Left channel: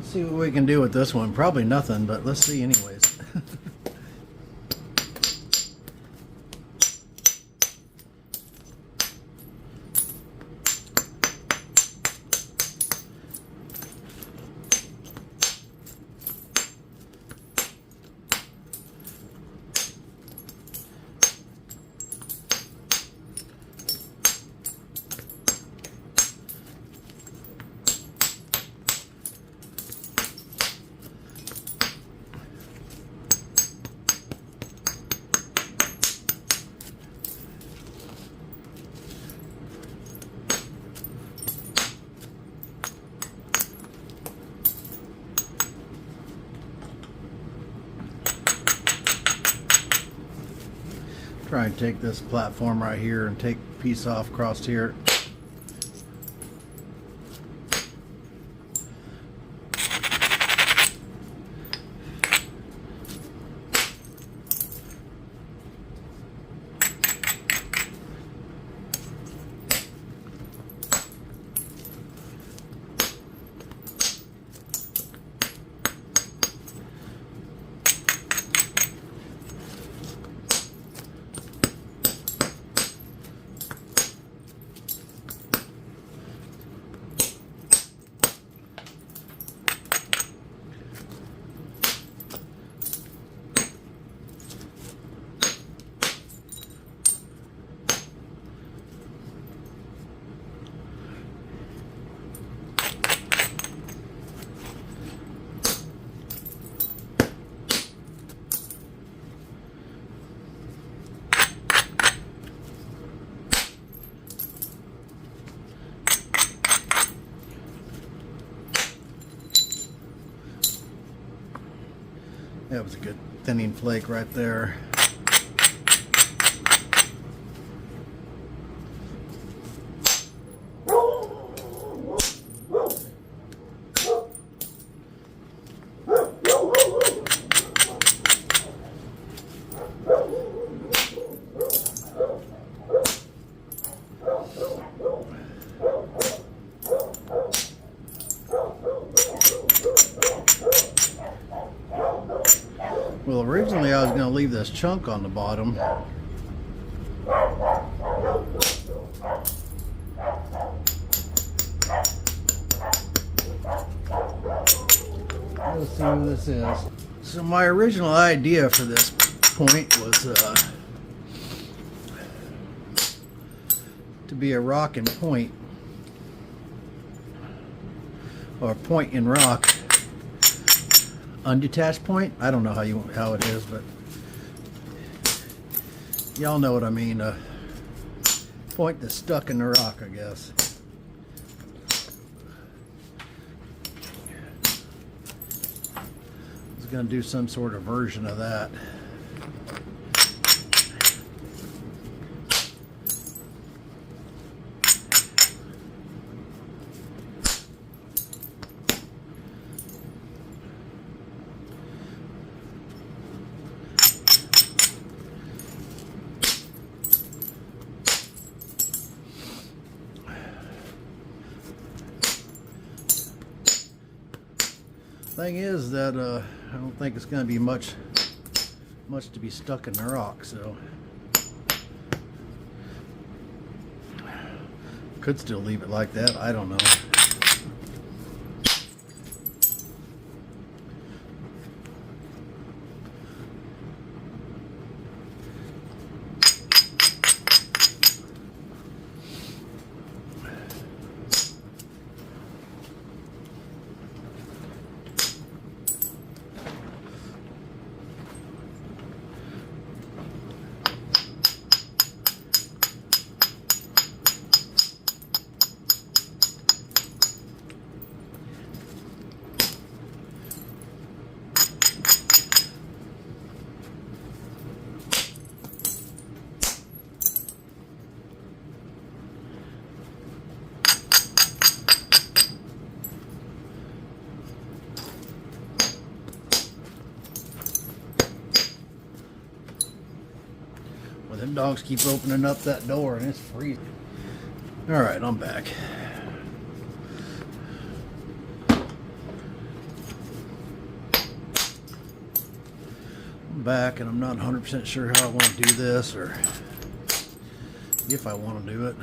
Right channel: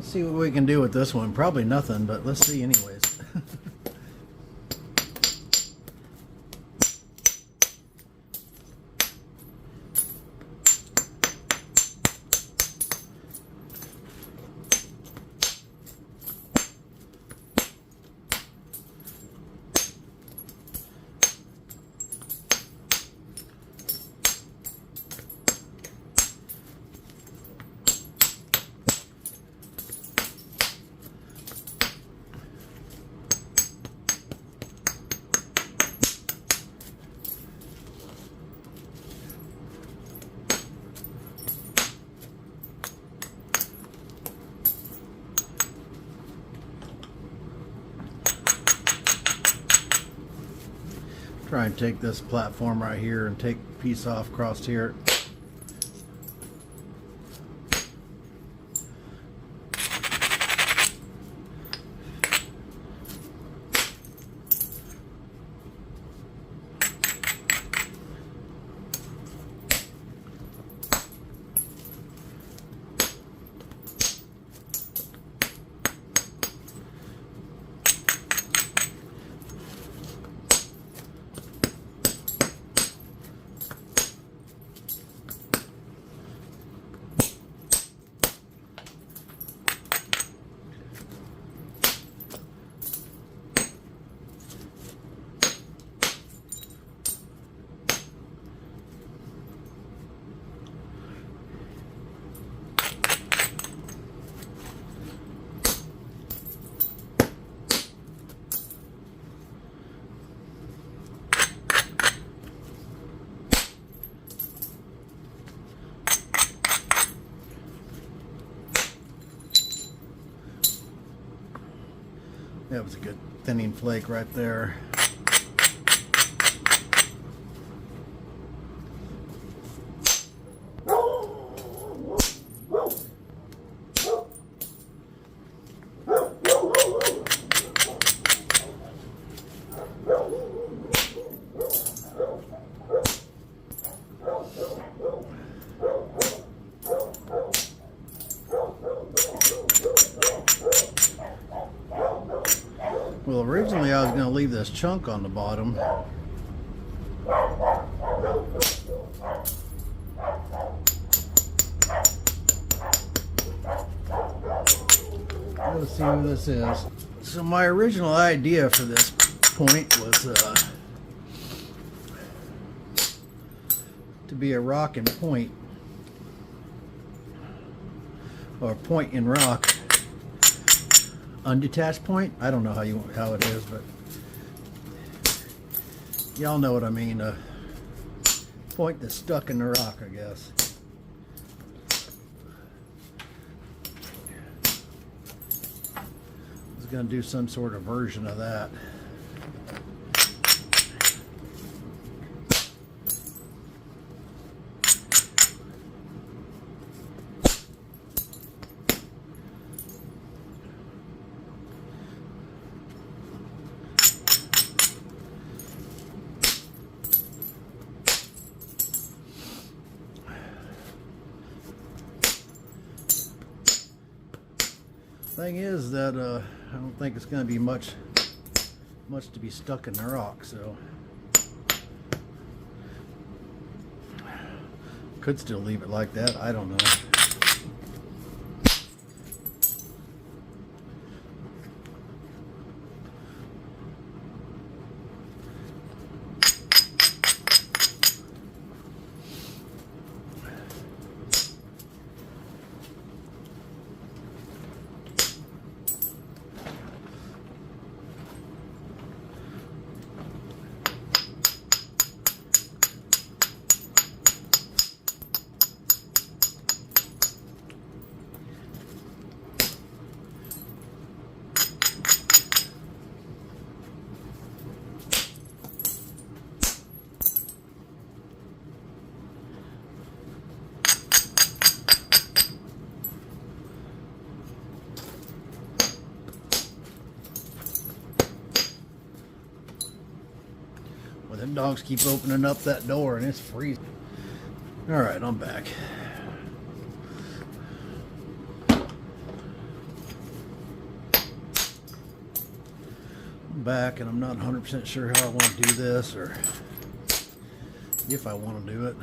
Let's see what we can do with this one. Probably nothing, but let's see anyways. Try and take this platform right here and take a piece off across here. That was a good thinning flake right there. Well, originally I was going to leave this chunk on the bottom. Let's see what this is. So my original idea for this point was to be a rock and point, or point and rock. Undetached point. I don't know how it is, but y'all know what I mean. A point that's stuck in the rock, I guess. I was going to do some sort of version of that. Thing is that I don't think it's going to be much to be stuck in the rock, so could still leave it like that. I don't know. Well, them dogs keep opening up that door and it's freezing. All right, I'm back. back, and I'm not 100% sure how I want to do this, or if I want to do it.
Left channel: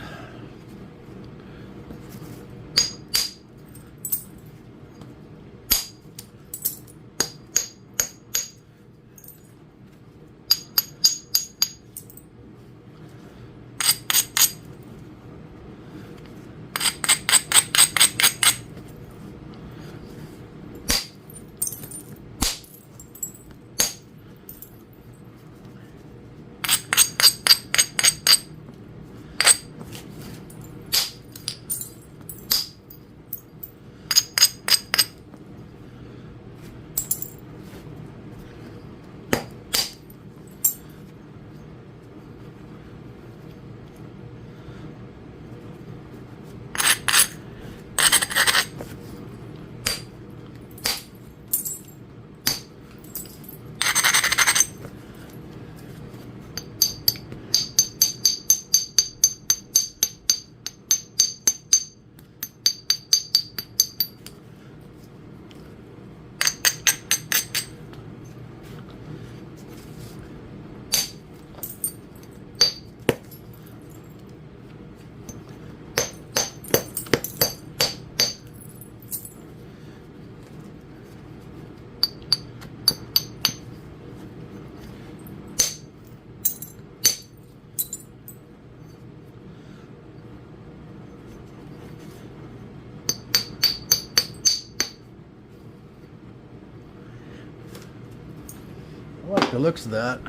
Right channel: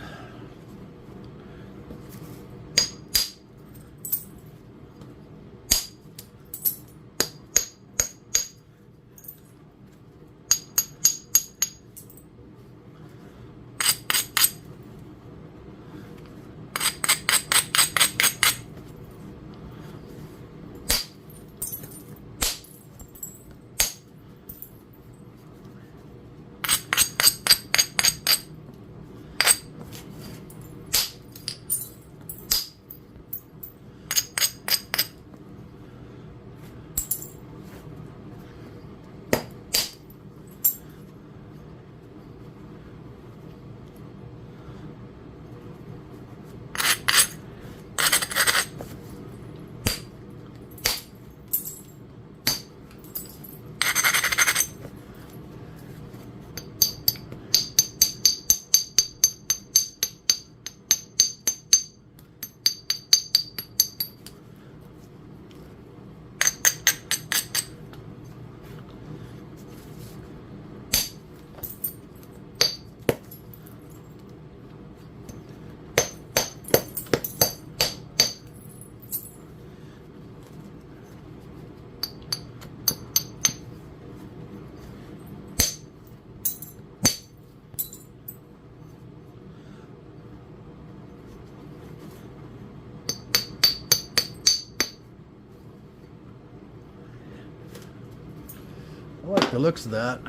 I like the looks of that.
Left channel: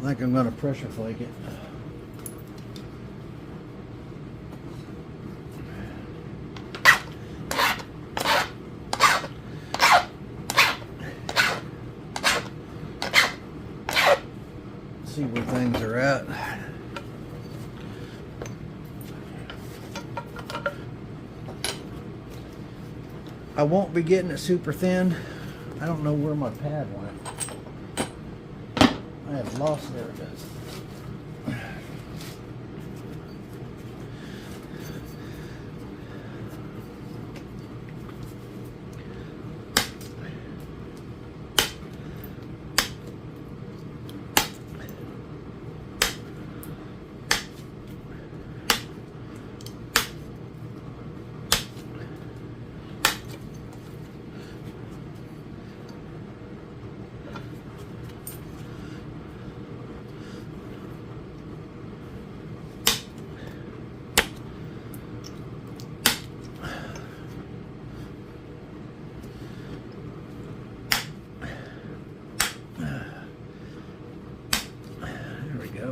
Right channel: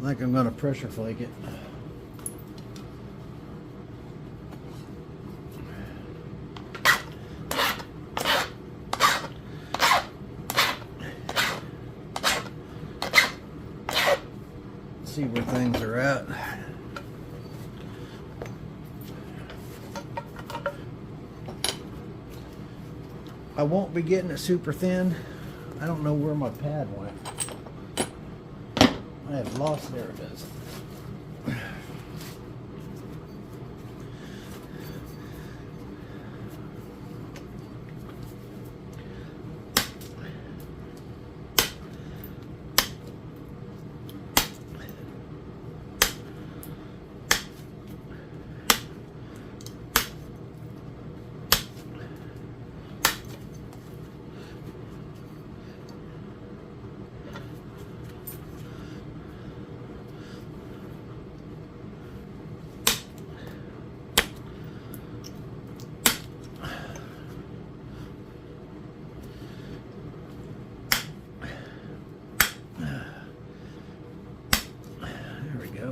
I think I'm going to pressure flake it. See where things are at. I won't be getting it super thin. I don't know where my pad went. I have lost, there it is.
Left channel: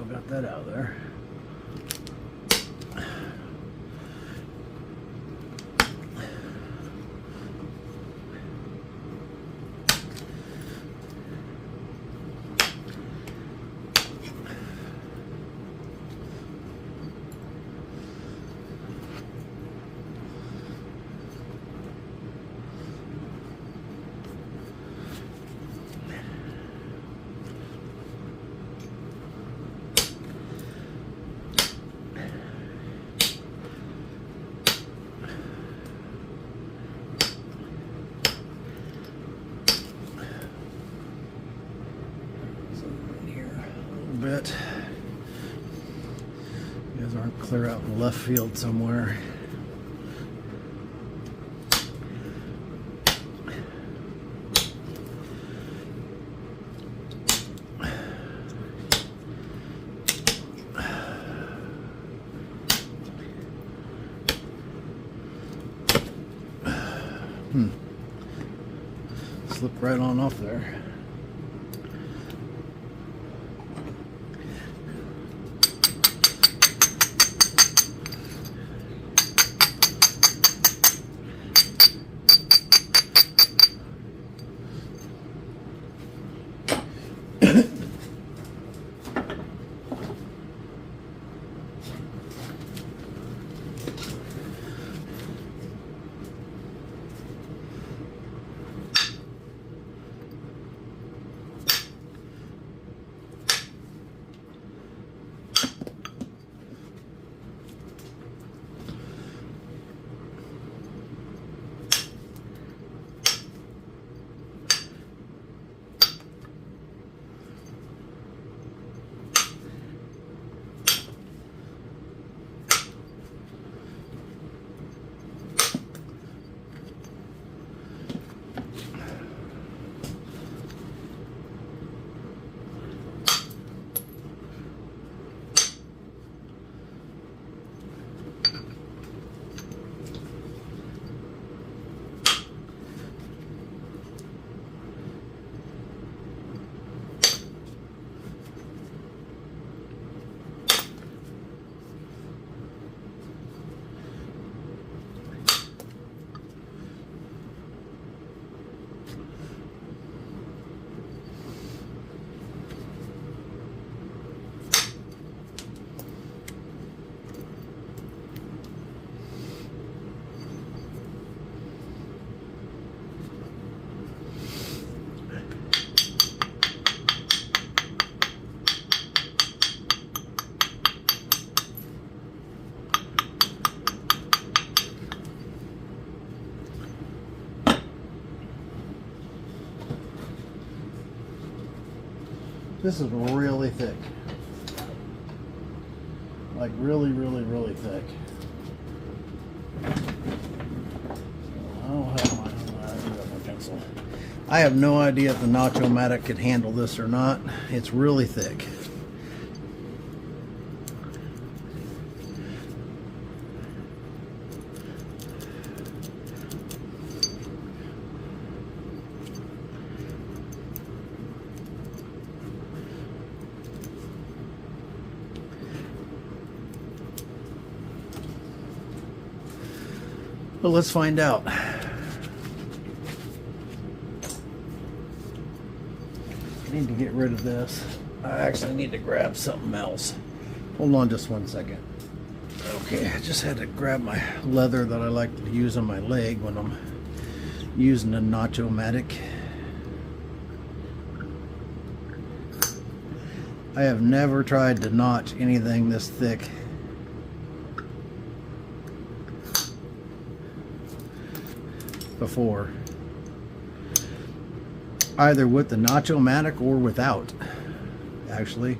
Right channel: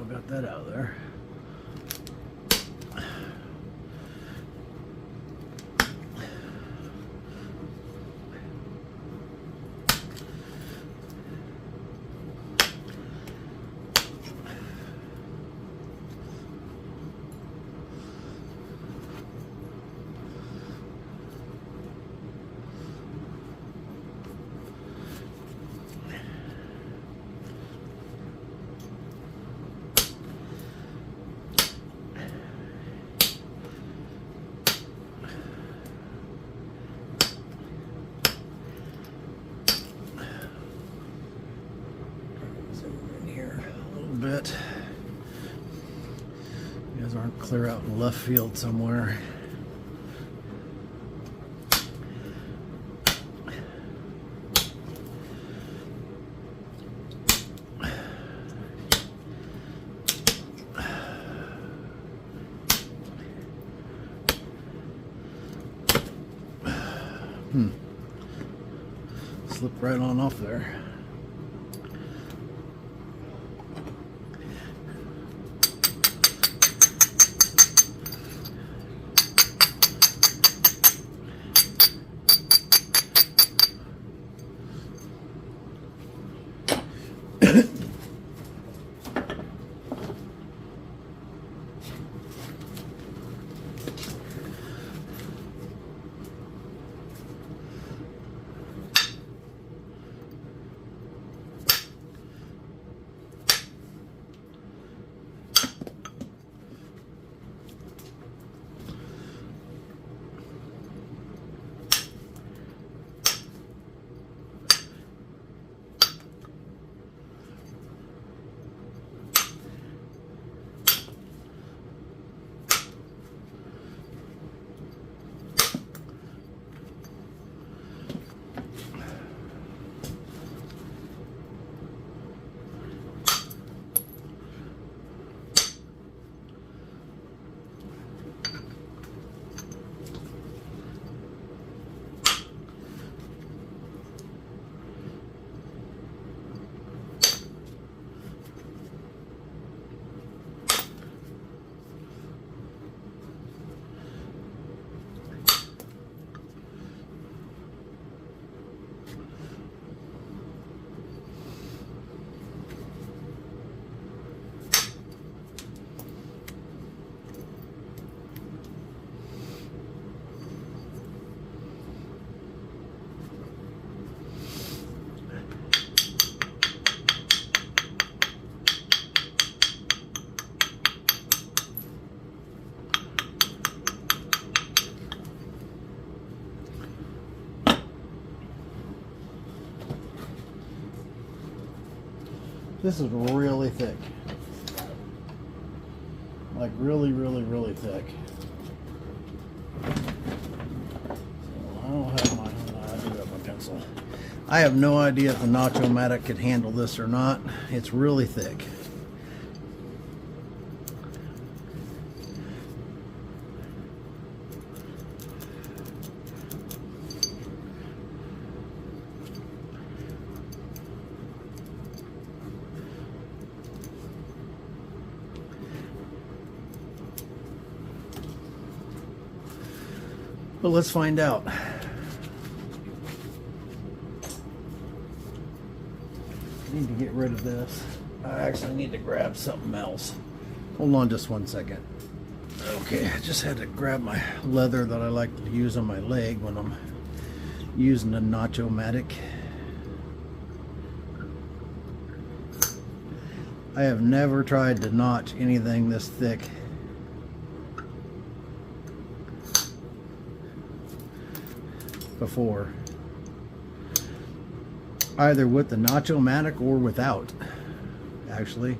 Got that out of there. Bit. You guys aren't clear out in left field somewhere. Slipped right on off there. This is really thick. Like really, really, really thick. I don't have my pencil. I have no idea if the Nacho-Matic could handle this or not. It's really thick. But let's find out. I need to get rid of this. I actually need to grab something else. Hold on just one second. Okay, I just had to grab my leather that I like to use on my leg when I'm using a Nacho-Matic. I have never tried to notch anything this thick. Before, either with the Nacho-Matic or without, actually.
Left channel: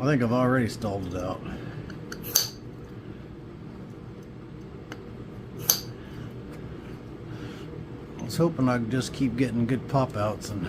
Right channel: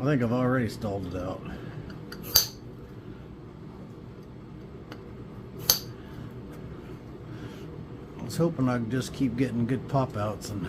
I think I've already stalled it out. I was hoping I'd just keep getting good pop outs and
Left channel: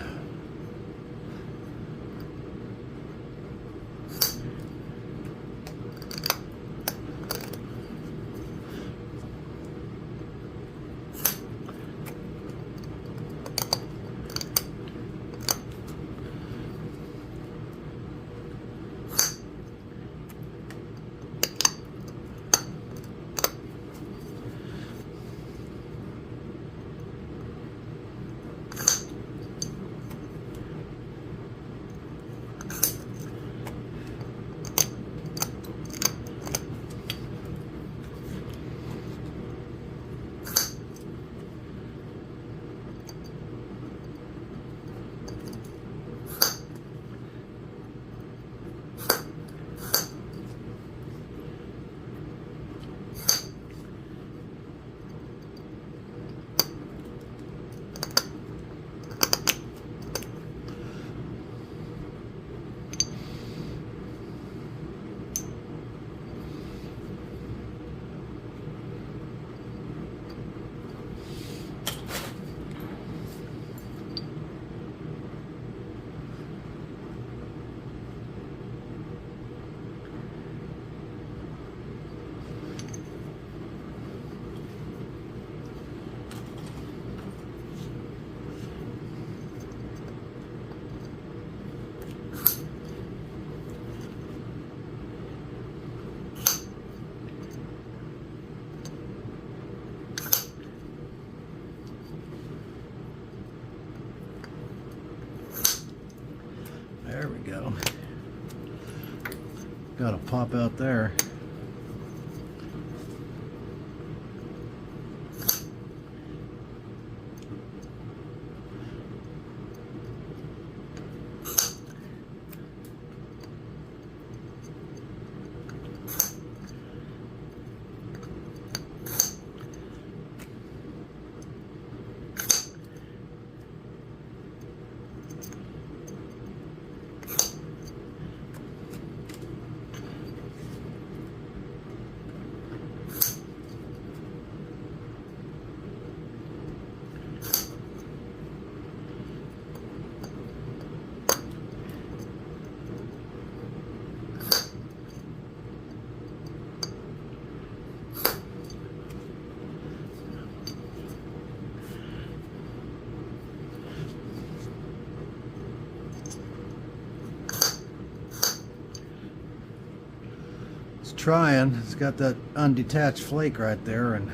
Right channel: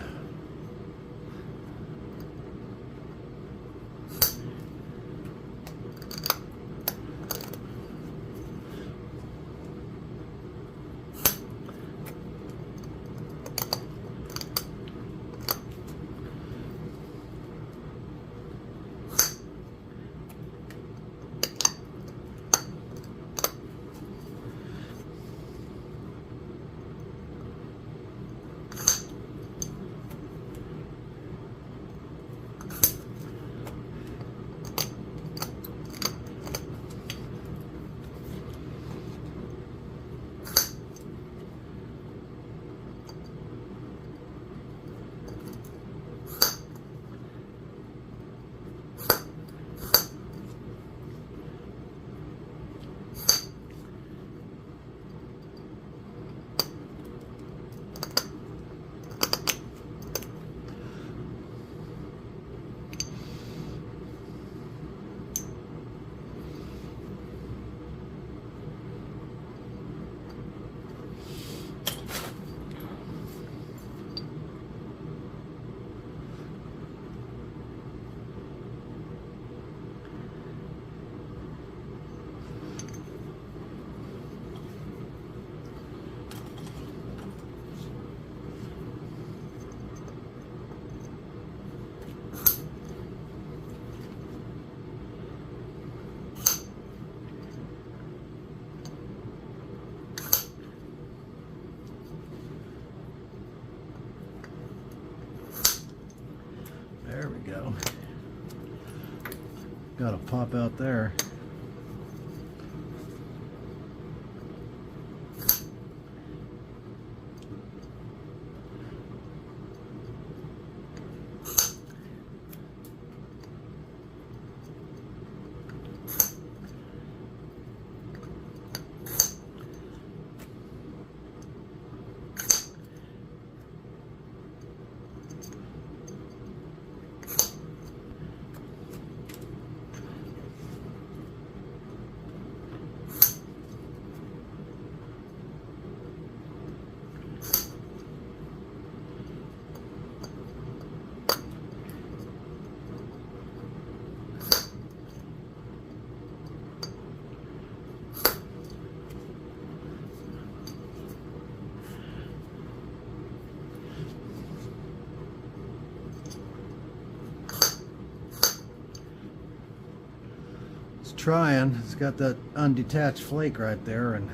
there we go. Got a pop out there. It's trying. It's got that undetached flake right there, and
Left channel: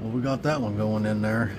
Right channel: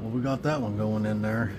well, we got that one going in there.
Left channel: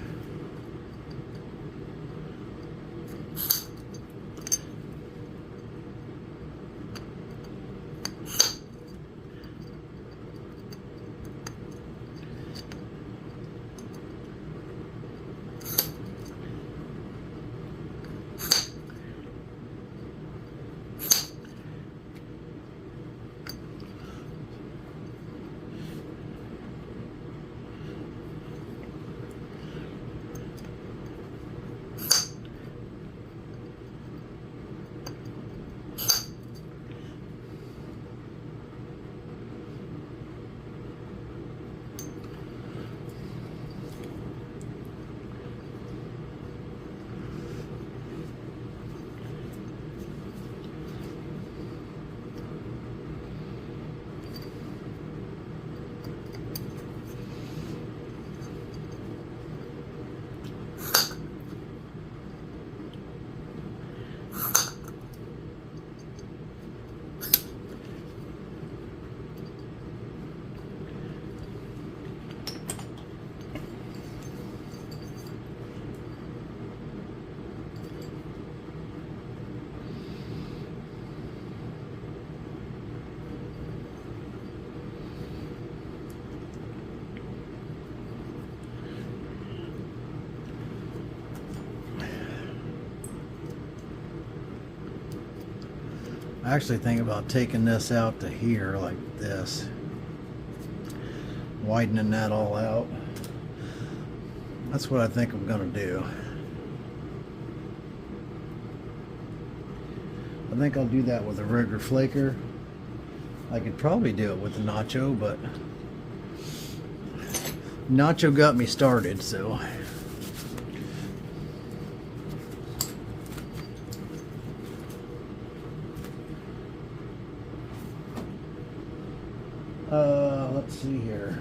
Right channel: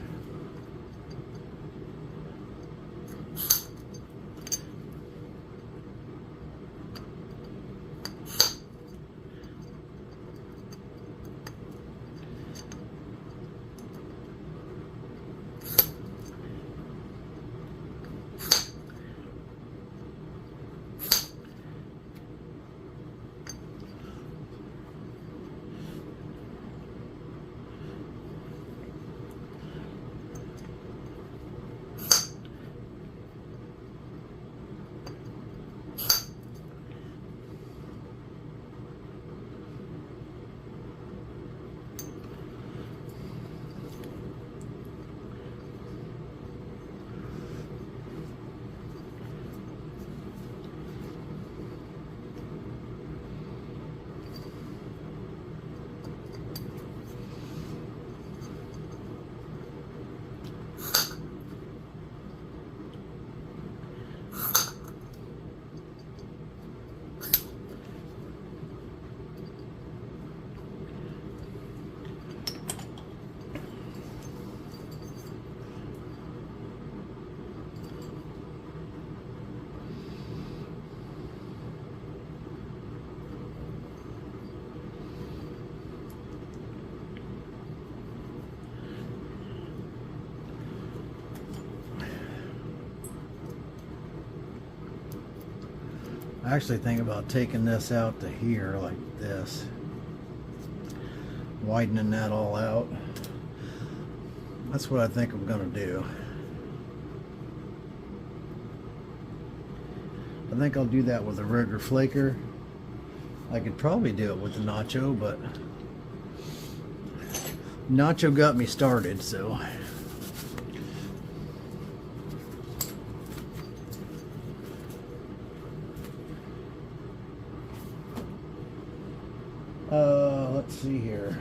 I actually think about taking this out to here like this, widening that all out. That's what I think I'm gonna do. I think I'll do that with a rigger flaker. I could probably do it with the Nacho, but Nacho got me started, so. Let's see here.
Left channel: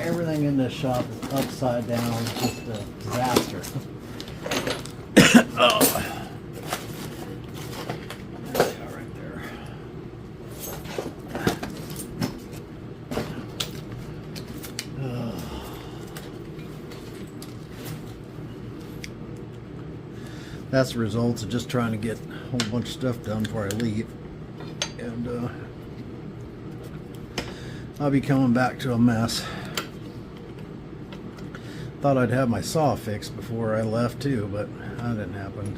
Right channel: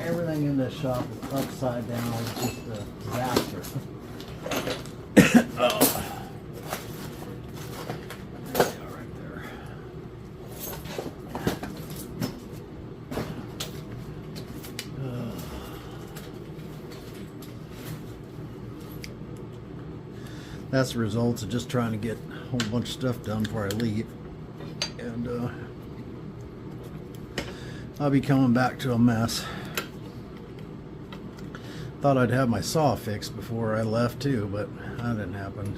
Everything in this shop is upside down. It's just a disaster. Oh. There we go, right there. That's the results of just trying to get a whole bunch of stuff done before I leave. And I'll be coming back to a mess. Thought I'd have my saw fixed before I left too, but that didn't happen.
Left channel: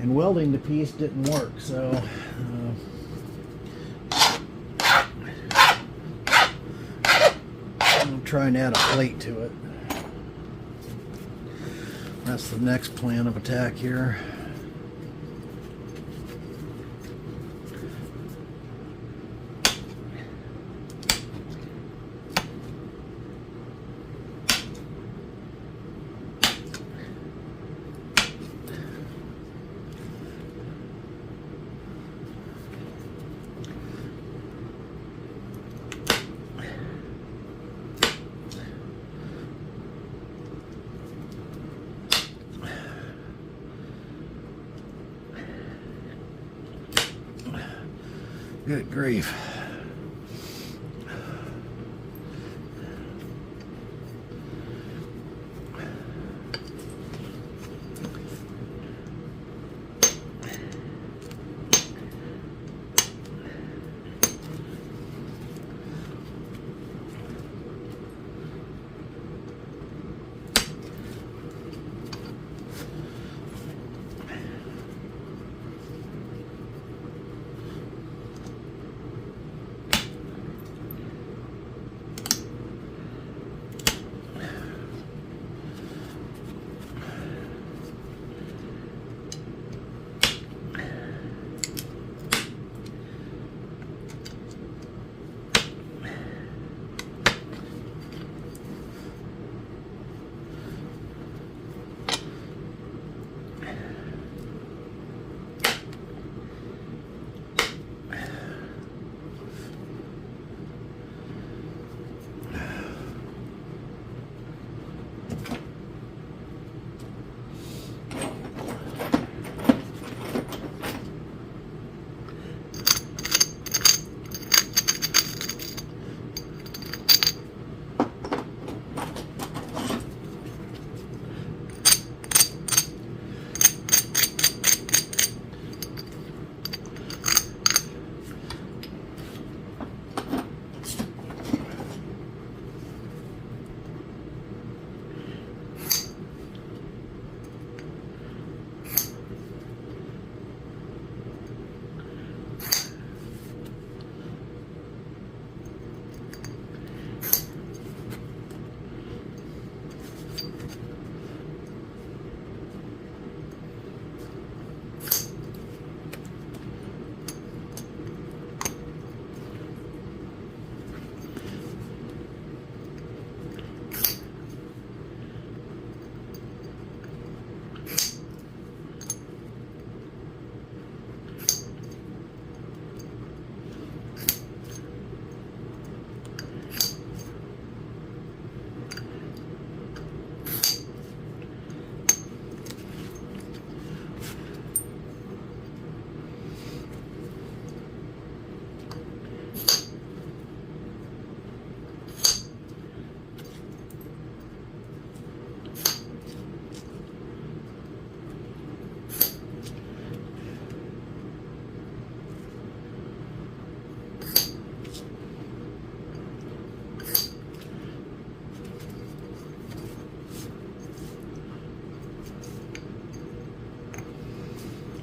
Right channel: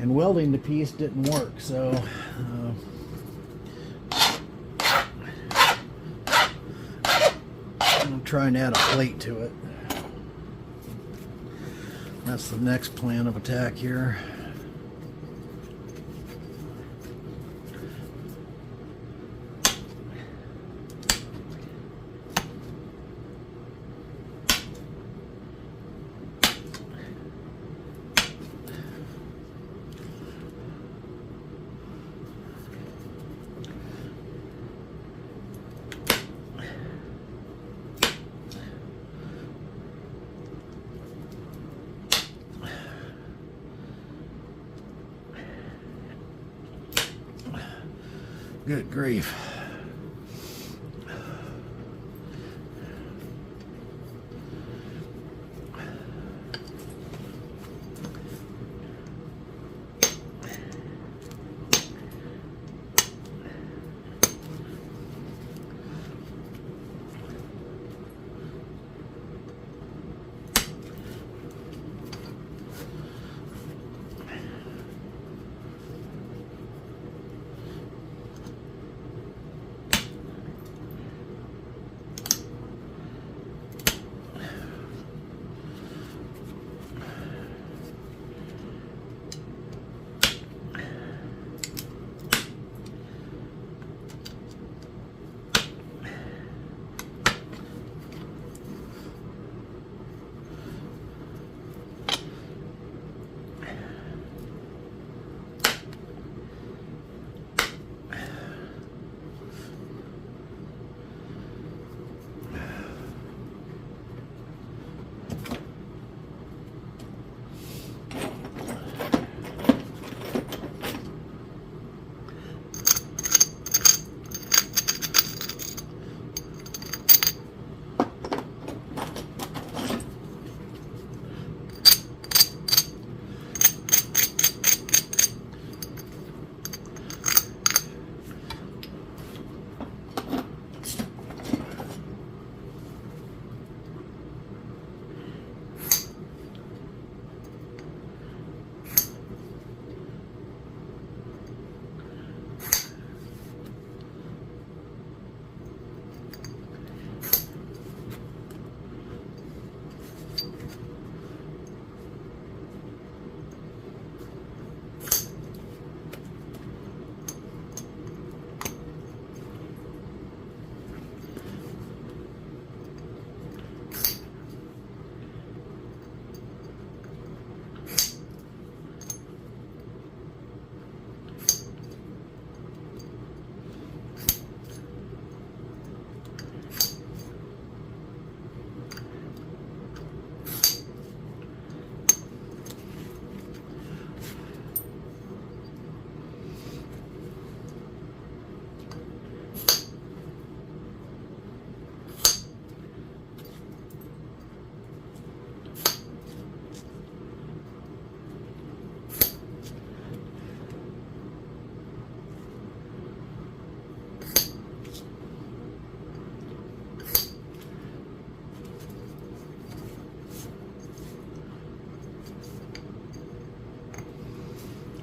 And welding the piece didn't work, so I'm trying to add a plate to it. That's the next plan of attack here. Good grief.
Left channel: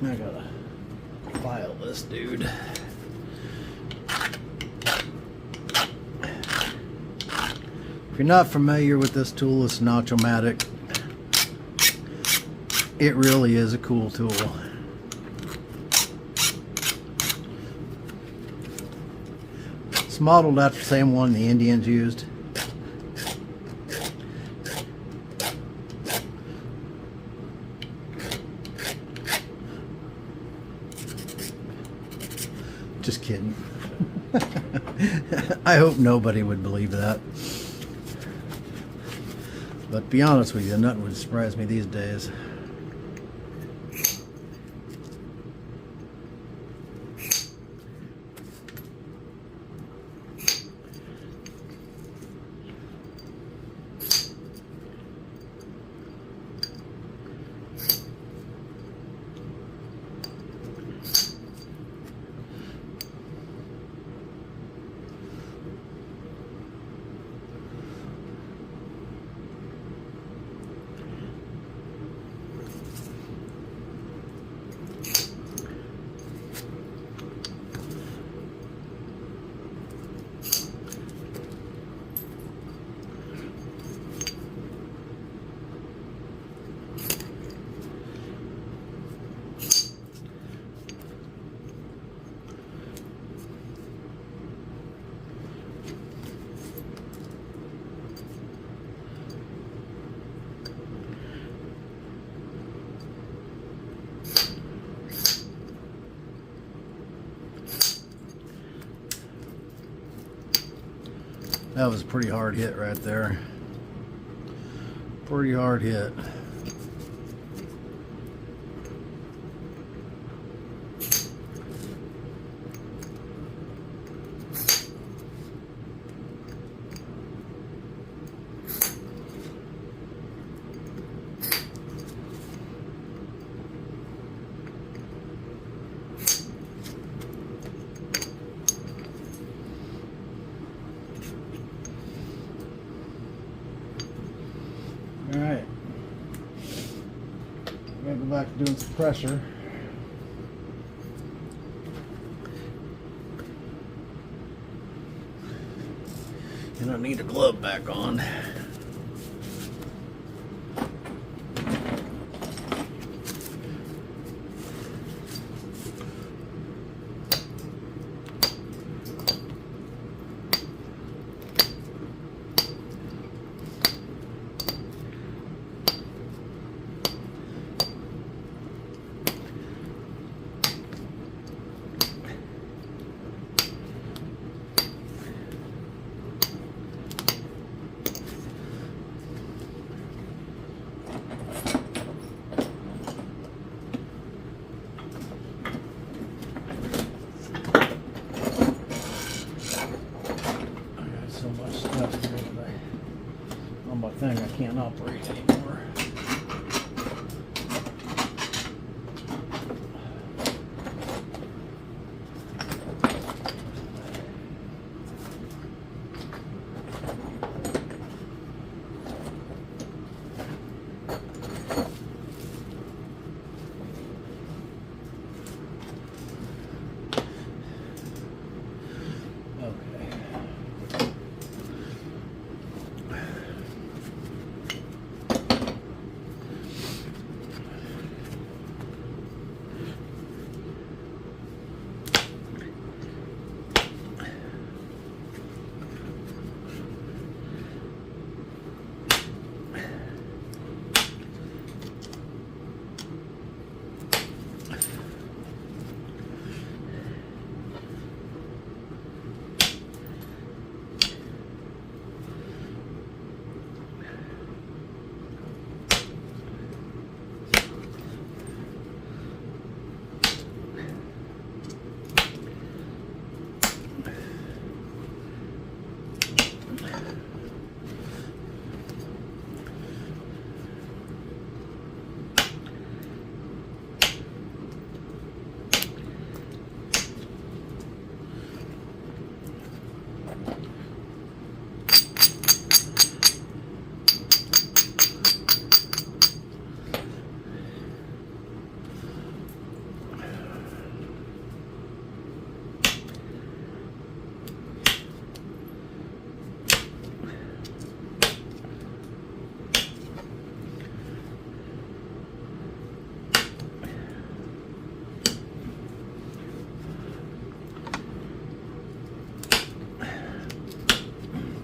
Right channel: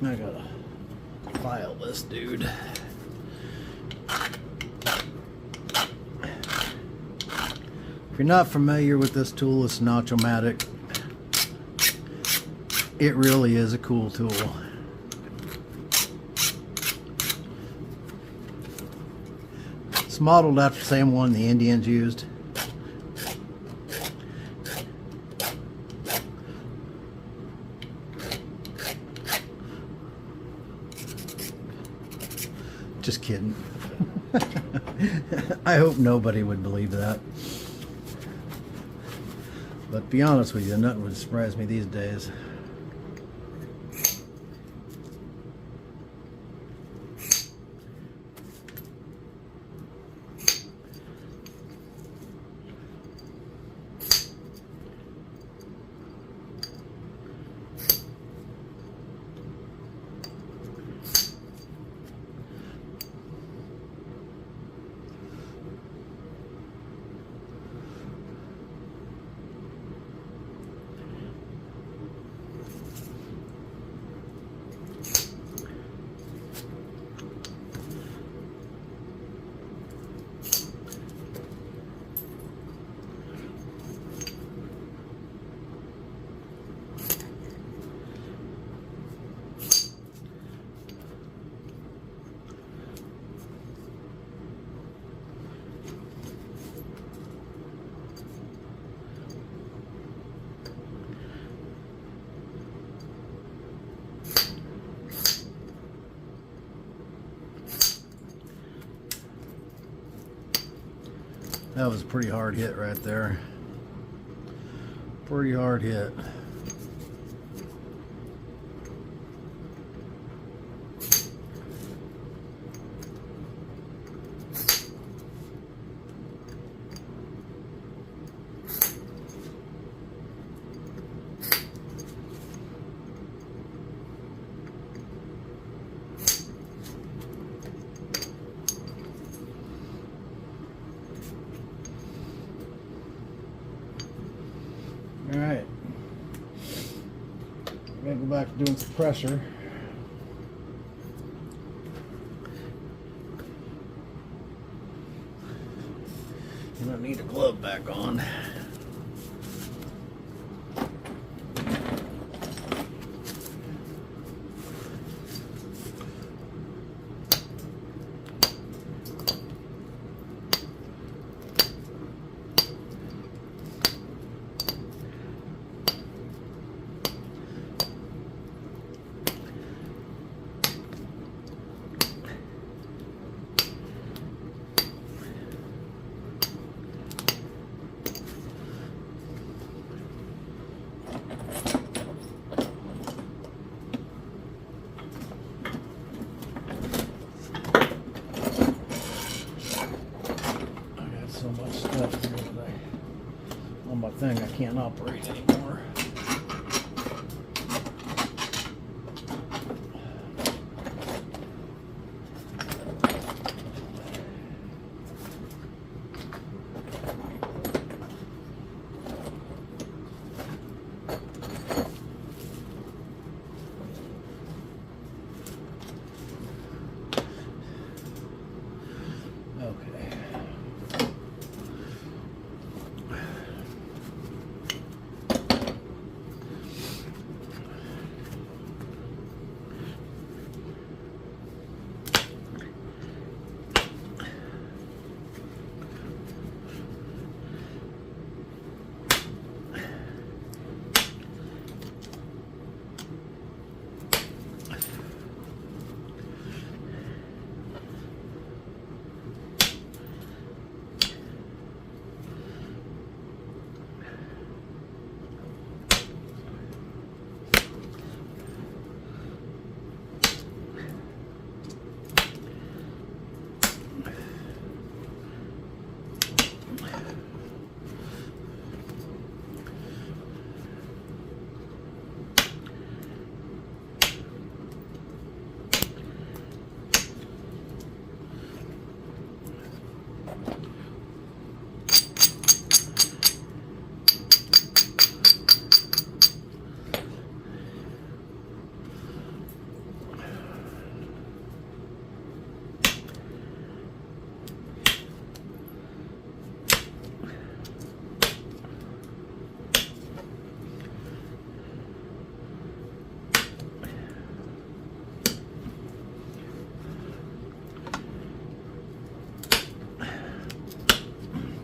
I gotta file this dude. If you're not familiar with this tool, it's an Automatic. It really is a cool tool. It's modeled after the same one the Indians used. Just kidding. I hope nobody would believe that. But to be honest with you, nothing would surprise me these days. That was a pretty hard hit right there. Pretty hard hit. back to doing some pressure. And I need a glove back on. Thing I can't operate anymore.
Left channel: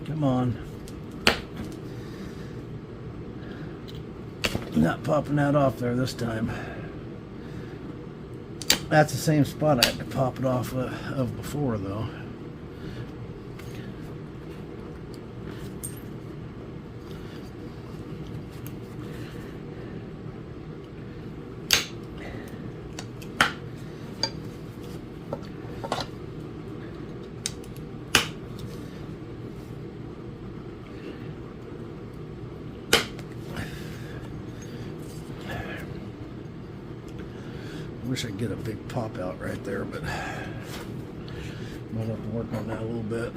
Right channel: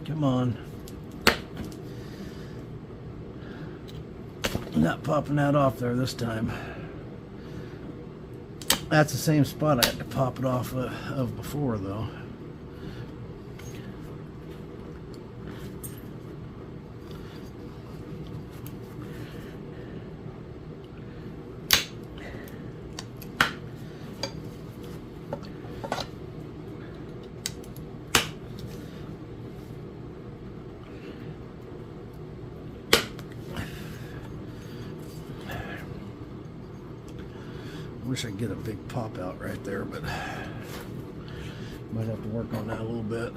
Come on. Not popping that off there this time. That's the same spot I had to pop it off of before, though. I wish I could get a big pop out right there, but might have to work on that a little bit.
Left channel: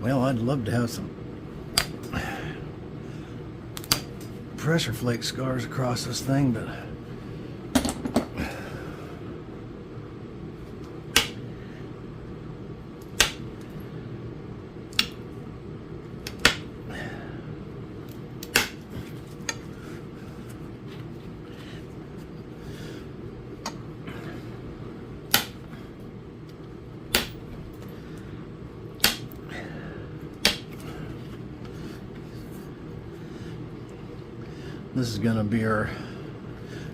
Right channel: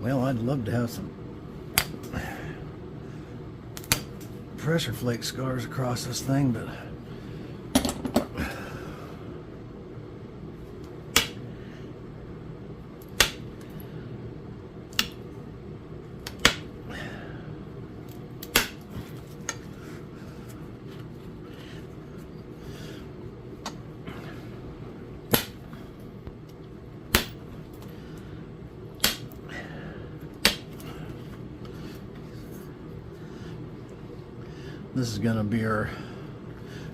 Well, I'd love to have some pressure flake scars across this thing, but this is going to be our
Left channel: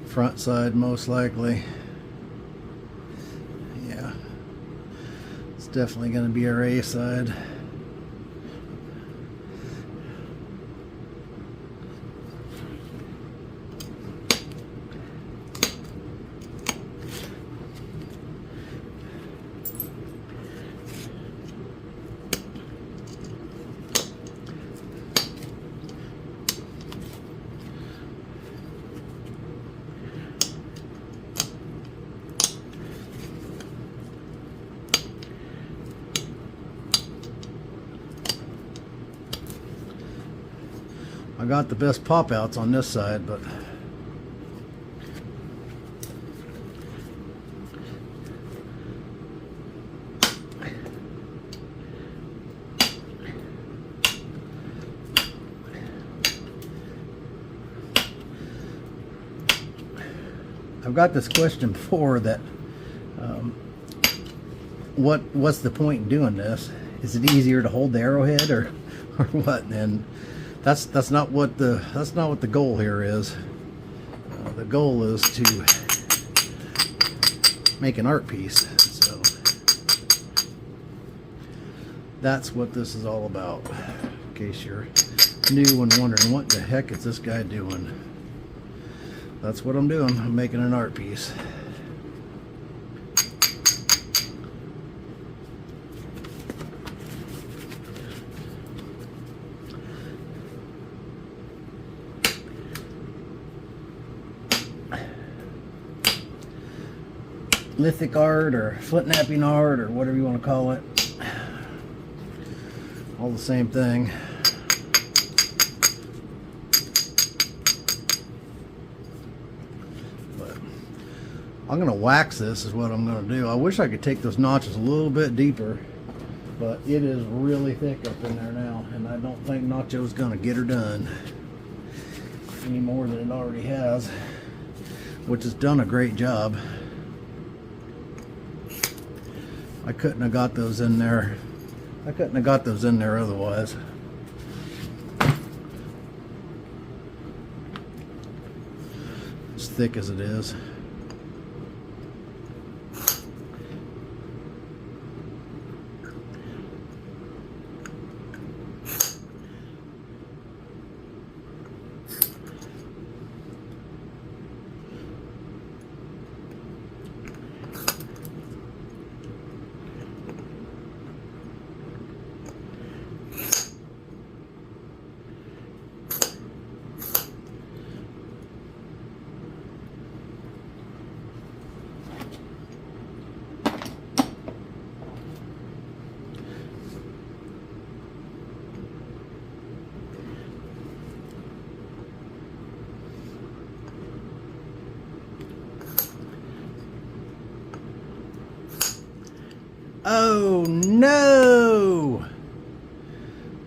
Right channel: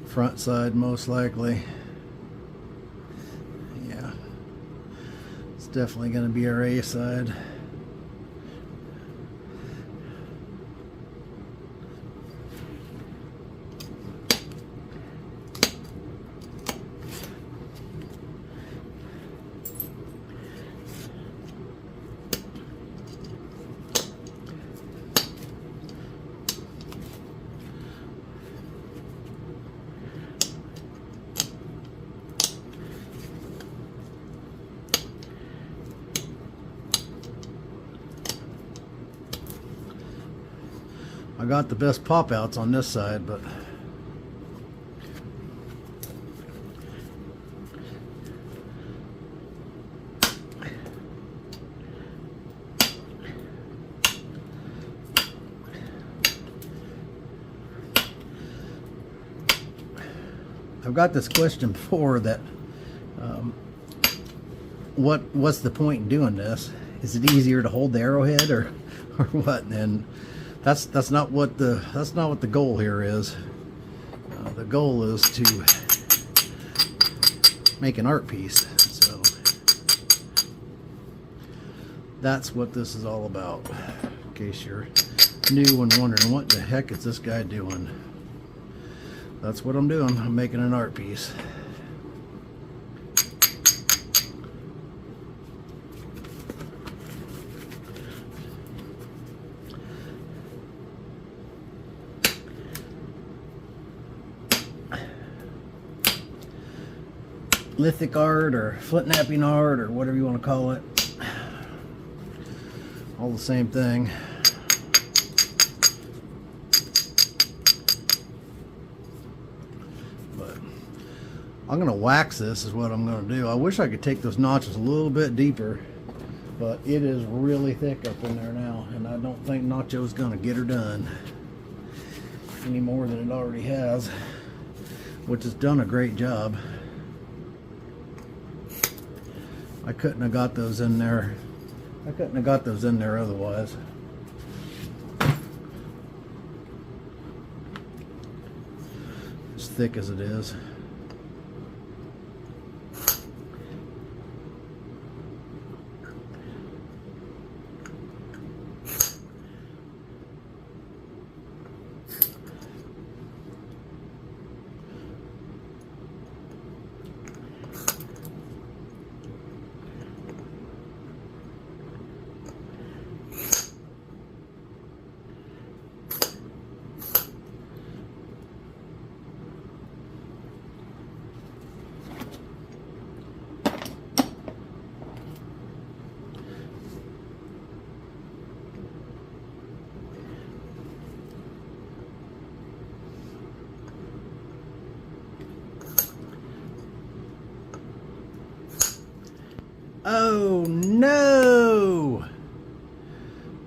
front side most likely. Yeah, it's definitely going to be our A side. I got the best pop outs on this side, but I've got this question before that what's the point in doing this? Is it easier to hold the arrowhead or what? And that's not what the goal here is. The goal is to make an art piece. So that's what this is all about. In case you're new and wondering what the heck is this guy doing. That's what I'm doing. I'm making an art piece. Lithic art or Flintknapping art or whatever you want to call it. All the same thing. But I'm going to wax this is what I'm going to do. I wish I could take those notches a little bit deeper, but it is really thick up in there now, and I don't think Nacho's going to get her done any more than it already has, which has done a great job. I couldn't have got those in there. I couldn't have got those in there otherwise. As thick as it is. Oh no!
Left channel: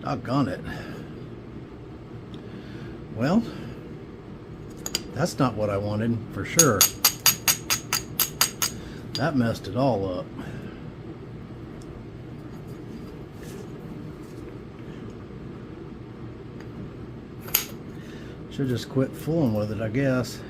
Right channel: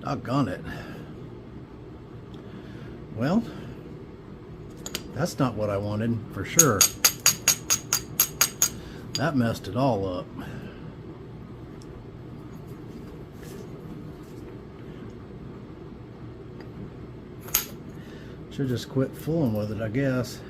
Doggone it. Well, that's not what I wanted, for sure. That messed it all up. Should just quit fooling with it, I guess.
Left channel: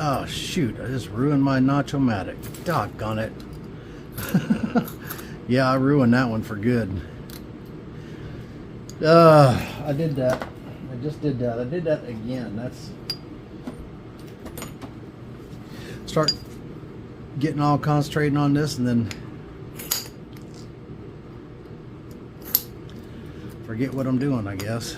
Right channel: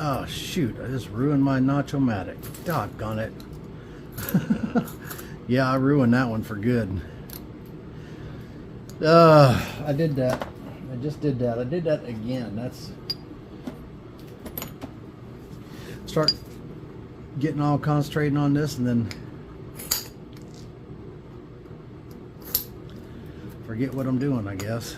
Oh shoot, I just ruined my Nacho-matic. Doggone it. Yeah, I ruined that one for good. I did that. I just did that. I did that again. That's... Start getting all concentrating on this and then forget what I'm doing, I guess.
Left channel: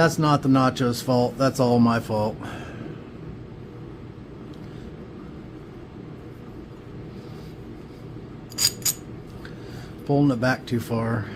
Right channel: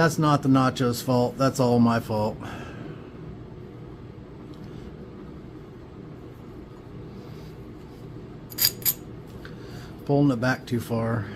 That's not the Nacho's fault. That's all my fault. Pulling it back too far.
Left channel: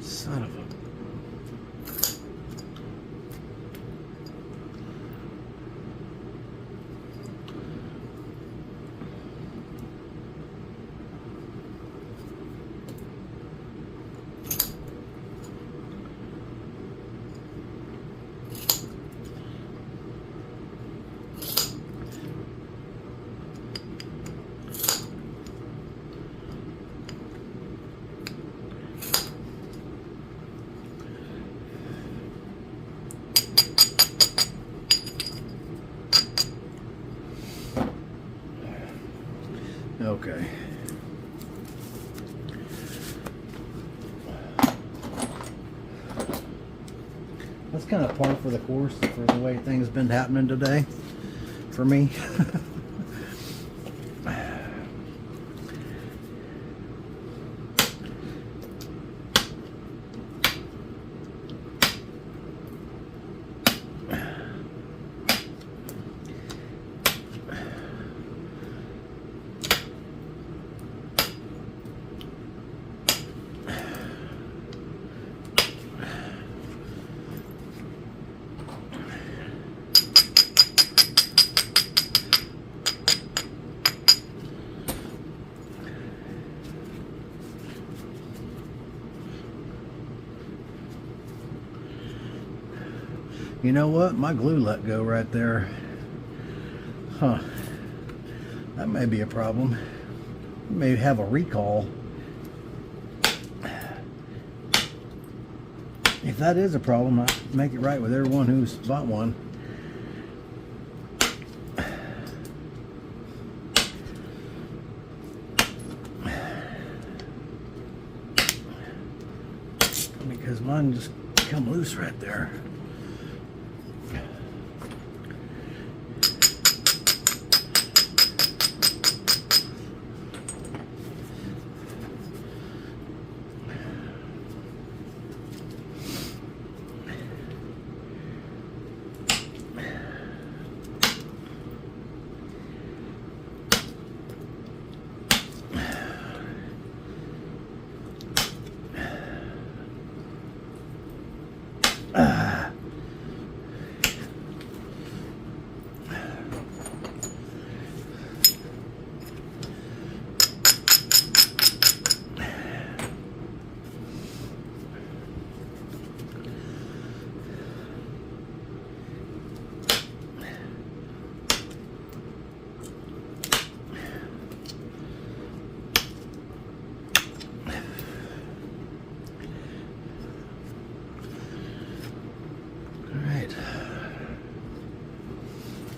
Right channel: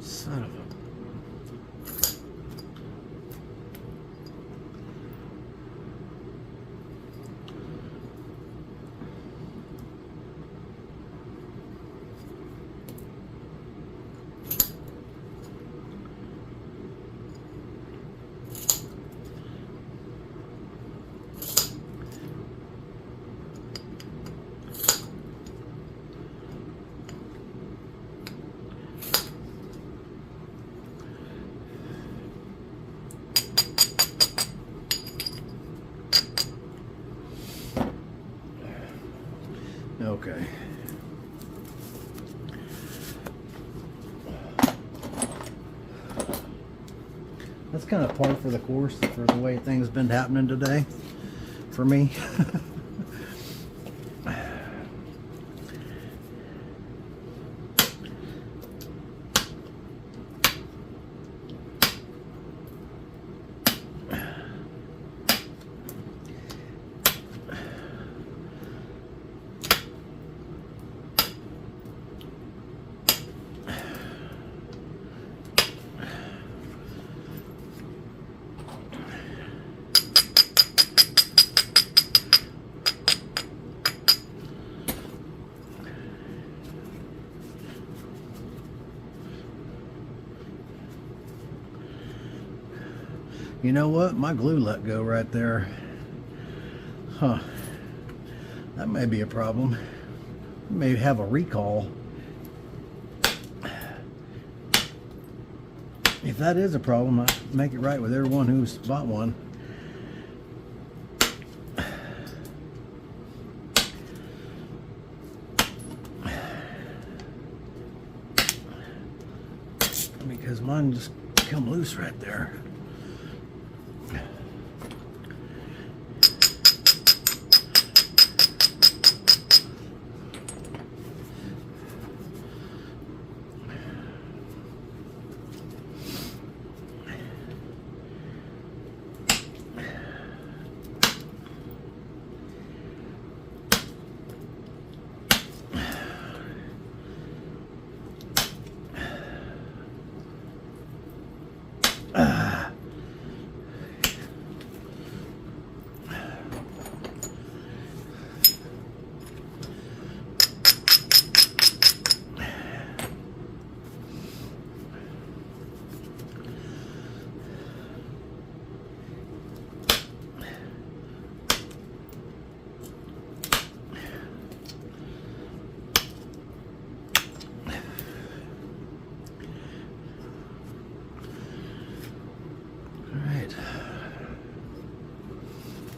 Son of a... Okay. That's kind of par for the course for the way things been happening today for me. You know what? My glue let go right there. Huh. That may be a problem. We may have a recall. If that is a problem, I make it right with everyone who's bought one. Because mine just come loose right there.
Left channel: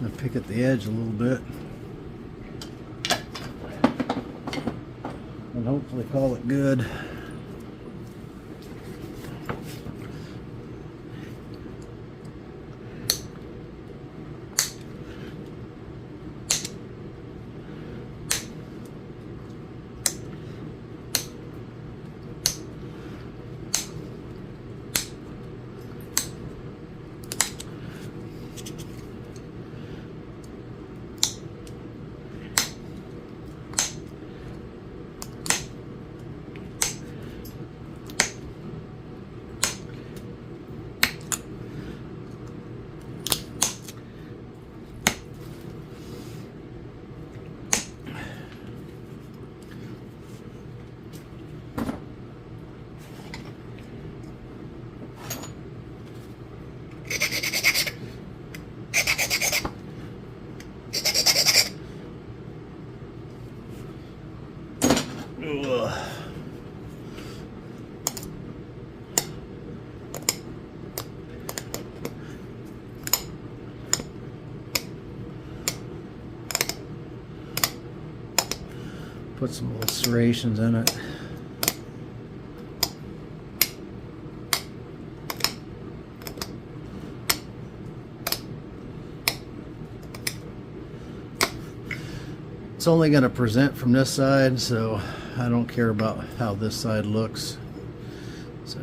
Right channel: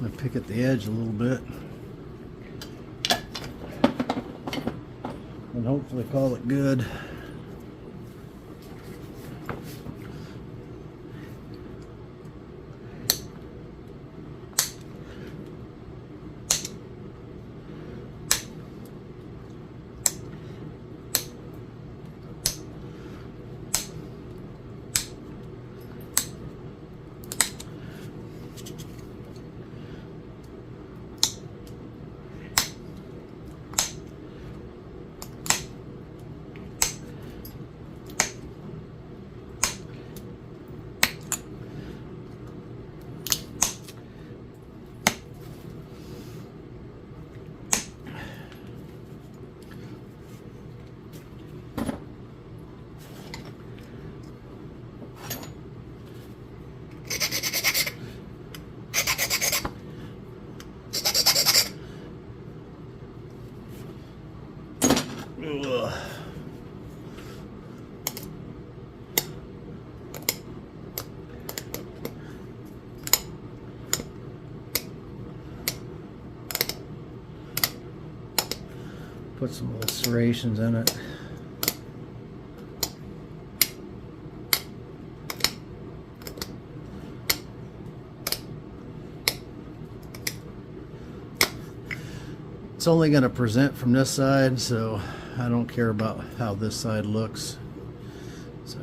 I'm going to pick at the edge a little bit. hopefully call it good. Ugh. Put some little serrations in it. It's only going to present from this side, so I don't care about how this side looks. So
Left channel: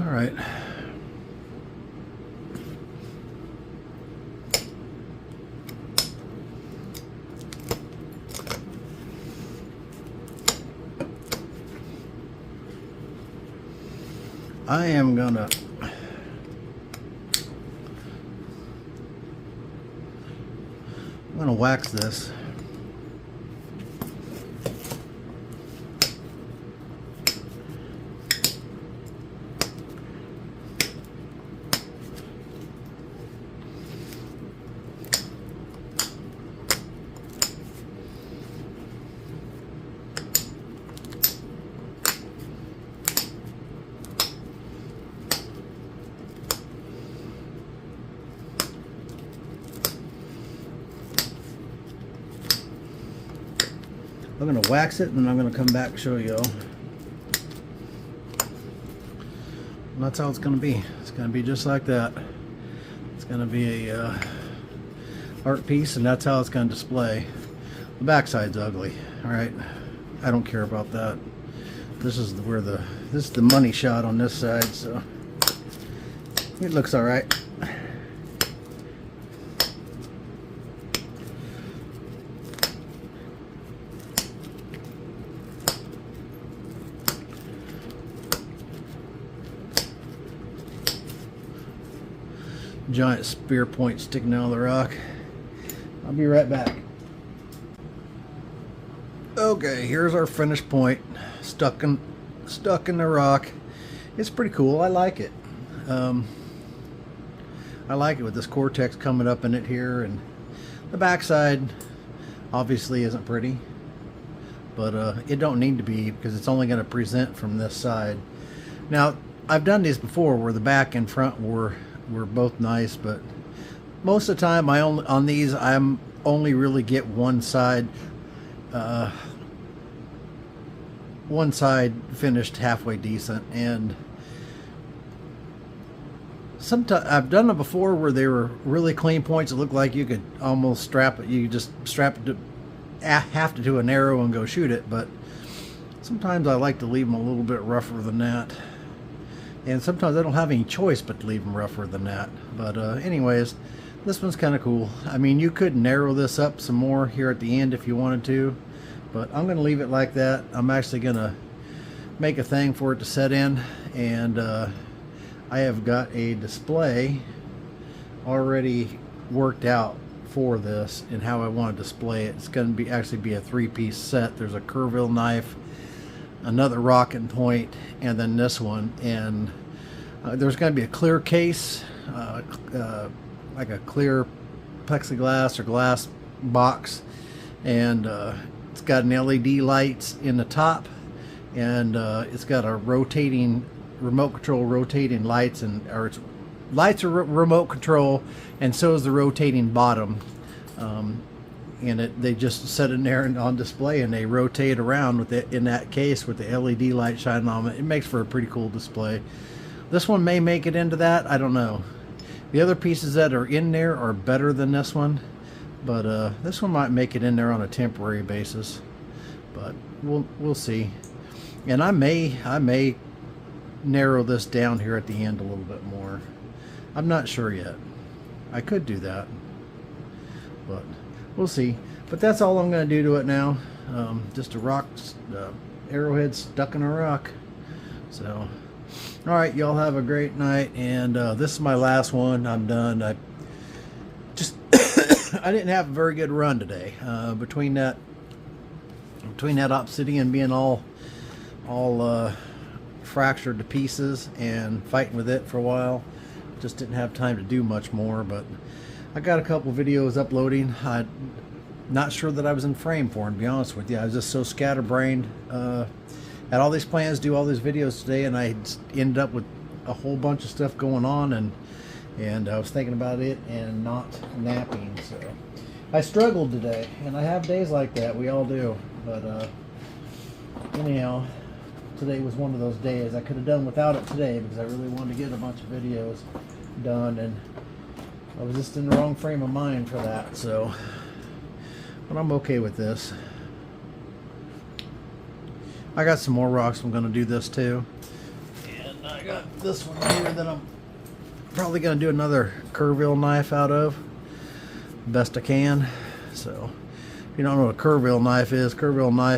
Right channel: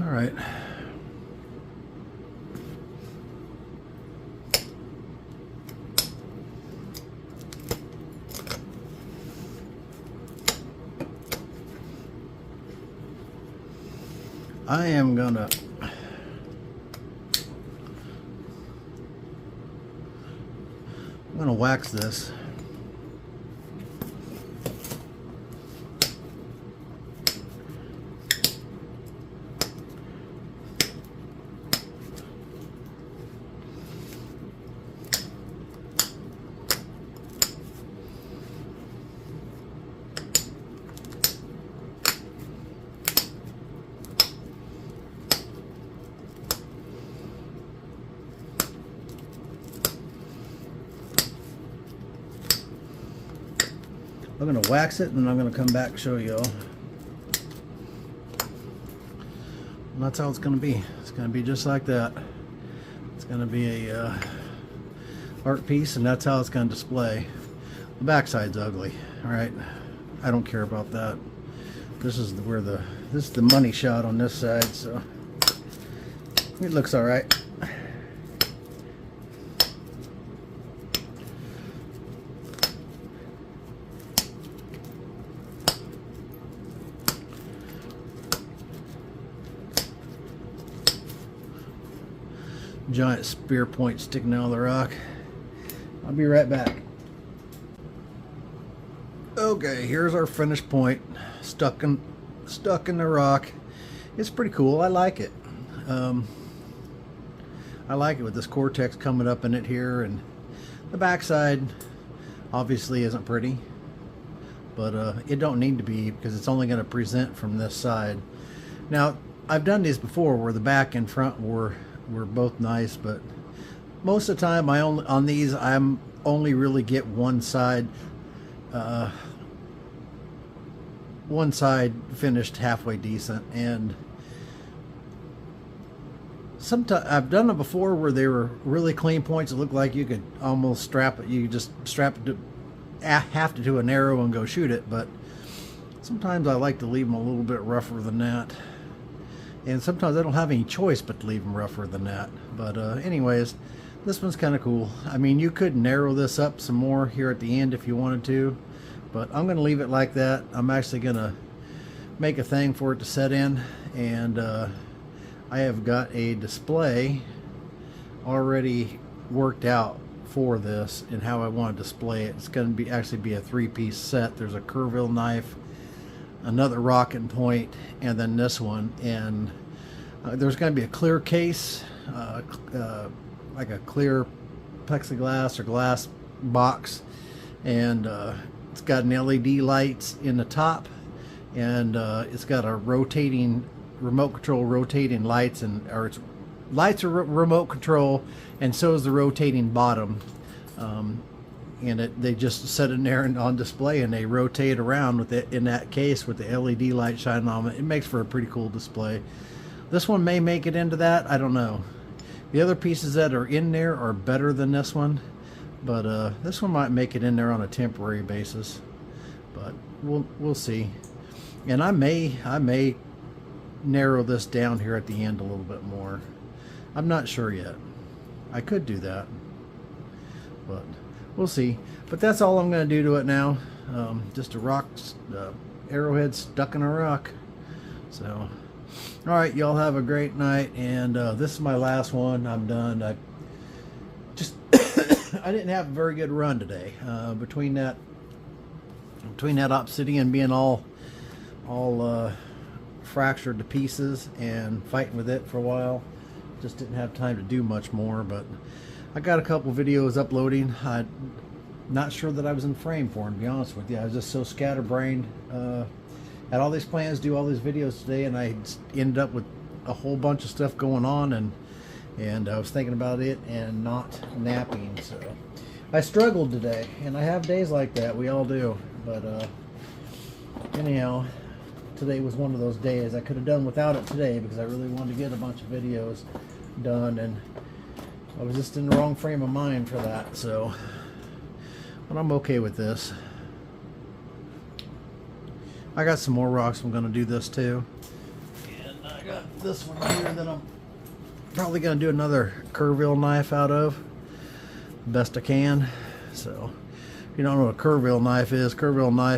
all right. I'm gonna wax this. I'm going to wax it and then I'm going to come back and show you all. And that's how it's going to be. It's going to be just like that. It's going to be a art piece, and that's how it's going to display. The backside's ugly. All right, I don't care about that. This is the money shot on this side, so it looks all right. giant spear point sticking out of the rock. I'll be right back. Okay, here's our finished point, stuck in the rock. It's pretty cool. I like it. I like it with this cortex coming up in it here, and the backside obviously isn't pretty, but it don't need to be, because it's only going to present from this side. Now, I've done these before where the back and front were both nice, but most of the time on these I'm only really get one side finished halfway decent. And sometimes I've done it before where they were really clean points. It looked like you could almost strap it. You just strap it to have to do an arrow and go shoot it. But sometimes I like to leave them a little bit rougher than that. And sometimes I don't have any choice but to leave them rougher than that. But anyways, this one's kind of cool. I mean, you could narrow this up some more here at the end if you wanted to, but I'm going to leave it like that. I'm actually going to make a thing for it to set in, and I have got a display already worked out for this and how I want to display it. It's going to actually be a 3-piece set. There's a Kerrville knife, another rocket point, and then this one. And there's going to be a clear case, like a clear plexiglass or glass box, and it's got an LED lights in the top, and it's got a rotating remote control rotating lights, and its lights are remote control, and so is the rotating bottom. And they just set in there and on display, and they rotate around with it in that case with the LED light shining on it. It makes for a pretty cool display. This one may make it into that, I don't know. The other pieces that are in there are better than this one, but this one might make it in there on a temporary basis. But we'll see. And I may narrow this down here at the end a little bit more. I'm not sure yet. I could do that, but we'll see. But that's all I'm going to do to it now. Just a rock, arrowhead stuck in a rock. So, all right, y'all have a great night. And this is my last one. I'm done. I didn't have a very good run today. Between that obsidian being all fractured to pieces and fighting with it for a while, just didn't have time to do much more. But I got a couple videos uploading. I'm not sure that I was in frame for them, to be honest with you. I was just so scatterbrained. Had all these plans to do all these videos today, and I ended up with a whole bunch of stuff going on, and I was thinking about it and not napping. So I struggled today, and I have days like that. We all do. But anyhow, today was one of those days. I could have done without it today because I really wanted to get a bunch of videos done, and I was just in the wrong frame of mind for that. So, but I'm okay with this. I got some more rocks. I'm going to do this too, and I got this one here that I'm probably going to do another Kerrville knife out of, best I can. So if you don't know what a Kerrville knife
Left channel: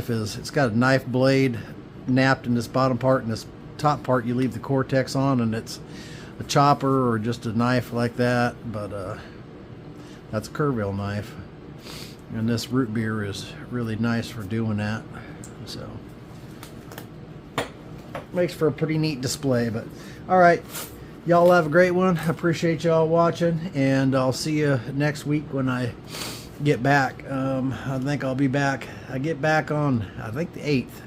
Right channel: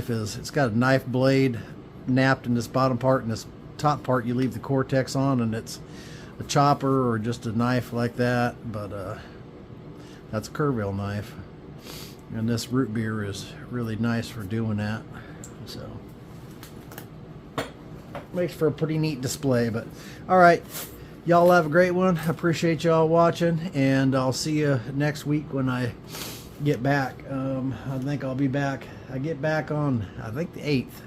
is, it's got a knife blade napped in this bottom part, and this top part you leave the cortex on, and it's a chopper or just a knife like that. But that's a Kerrville knife, and this root beer is really nice for doing that. So makes for a pretty neat display. But all right, y'all have a great one. I appreciate y'all watching, and I'll see you next week when I get back. I think I'll be back. I get back on, I think, the 8th,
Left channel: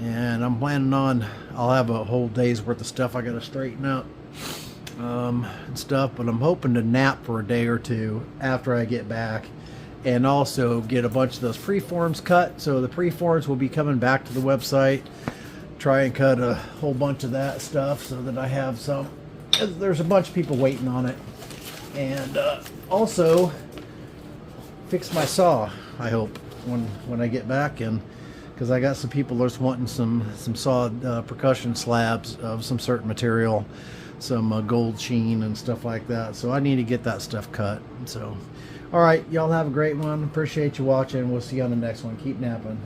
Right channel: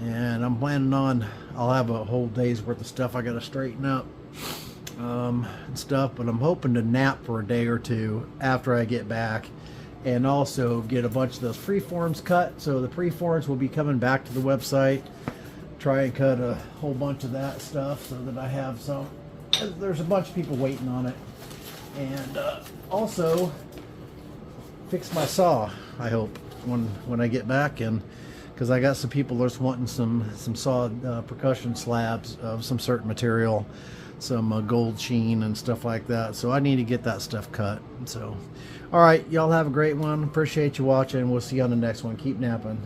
and I'm planning on, I'll have a whole day's worth of stuff I gotta straighten up and stuff, but I'm hoping to nap for a day or two after I get back, and also get a bunch of those freeforms cut. So the freeforms will be coming back to the website. Try and cut a whole bunch of that stuff so that I have some. There's a bunch of people waiting on it. And also fix my saw, I hope, when I get back, and because I got some people that's wanting some sawed percussion slabs of some certain material, some gold sheen and stuff like that. So I need to get that stuff cut. So all right, y'all have a great one. Appreciate you watching. We'll see you on the next one. Keep napping.